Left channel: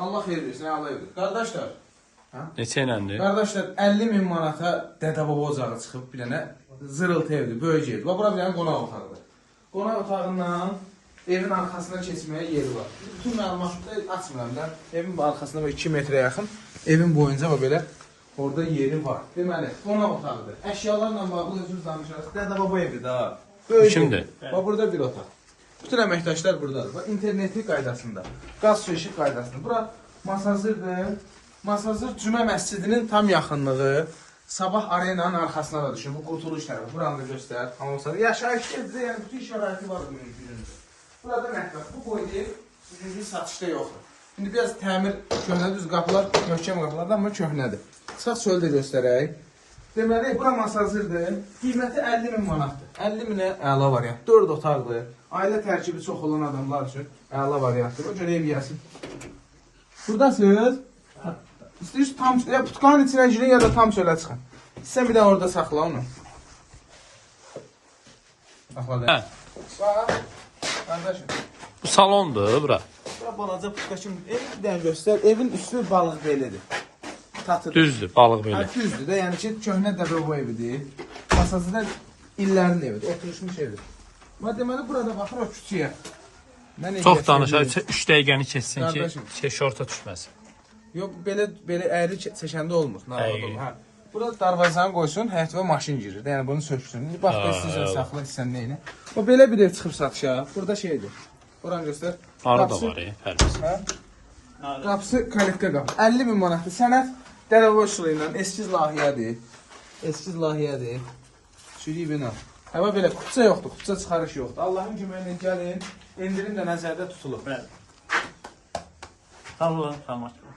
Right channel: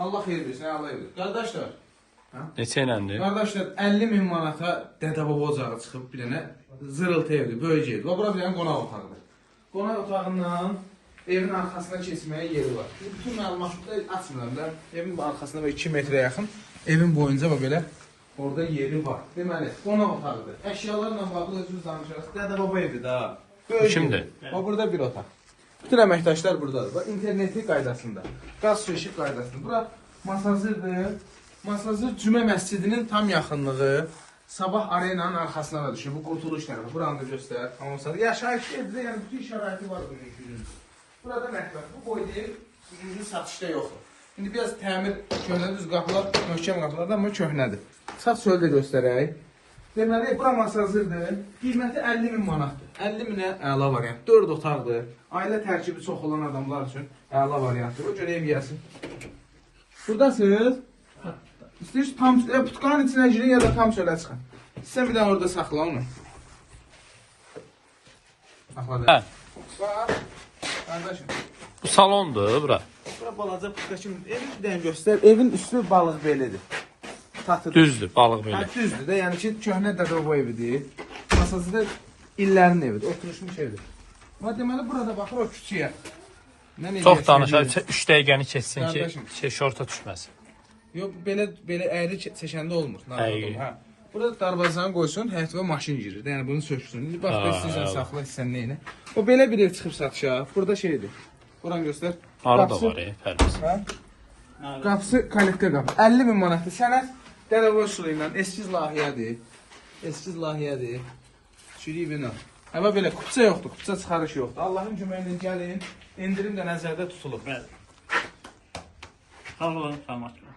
Allah xeyir versin, Allah evdir. Qardaşlar, Neçə iləndir? qardaşlar 50.000 manata dədə-baba ocağı çıxıb bir dənə zırıltı evdir, böyük evdir. Və bura bir dənə qonaq otağıdır. Qonaq otağından evin arxasına keçməyə yeri var. Bütün məlumatları açmıram da. Evin arxasına 2 metrə yaxın, evin boyunca və belə orada yeri var. Deməli, qonaq otağıdır. Əşyalarla bağlı özünüz danışırsınız. Dədə-baba evdir da. Böyük Kimdir? Və burada bir otaq. Bütün əməkdaşlar buradadır. Və internetli qaydasında, qaz su işıq qaydasında. Bura masazırdır. Masazır Cümə məscidinin tam yaxınlığı. Sabah arenanın arxasına da düşür. Bu qurtuluş tərəfi. Buranı da göstər. Anonslar. Yaşayış evdə, yəni bütün şəraiti var bunun üçün. Burada mətbəx. Bu boyda sizin satışda yoxdur. İndi biraz təmir köhnədir. Qapılar möhkəm qapılardır, amma köhnədir. Sağ çöldə göstərək. Deməli, bura masazırdır. Qiyməti 50.000 manatdır. 50.000-ə əla variant. 4 otaqdır. Ailə tərkibi çox olan adamlar üçün əla variantdır. O görə ev yəsin. Buradasınız. İstəyirsiniz tam putkanın içinə girin ya da tam çölə çıxın. Sən bir dənə orada saxla onu. Hə. Bax. Qardaşım. Bu salondur bura. Bura balaca putka kimi. Evi bir dənə göstər. Evin üstü balıq belidir. Tatır. Düzdür, balıq belə. Ha, düzdür də, yəni ki, köhnə dəfə bu evidir. Masası da illərin evidir, oturuşmuş evidir. Amma deməli, burada baxır o küçüyə. Çox danışar, 3 dəqiqəni keçsin ki, Qardaşım. şorta düşməsin. Yox, belə əyri çəkəndə olmur. Əyri. Hə. Burada darvazanı qoysun, həyətə maşın girir. Yəni bunu söksün. İndi bax da istəyirsən saxla, istəyirsən neyini. O belə bir ev çıxıb satışa. Burada şeydir. Buranı göstər. Arı da var, pərdəsi. Qapısı kollektə qapı. 50.000 manatdır. Sənət dərəvə üsulu ilə eskiz layihədir. Eskiz layihədir. Çürüyü bina. Həvə belə kupça yoxdur, kupça çıxarış yoxdur. Allahın köməyi ilə gəlin, endirim də nəzərdə tutulur. Bəli. Sağ olun, sağ olun.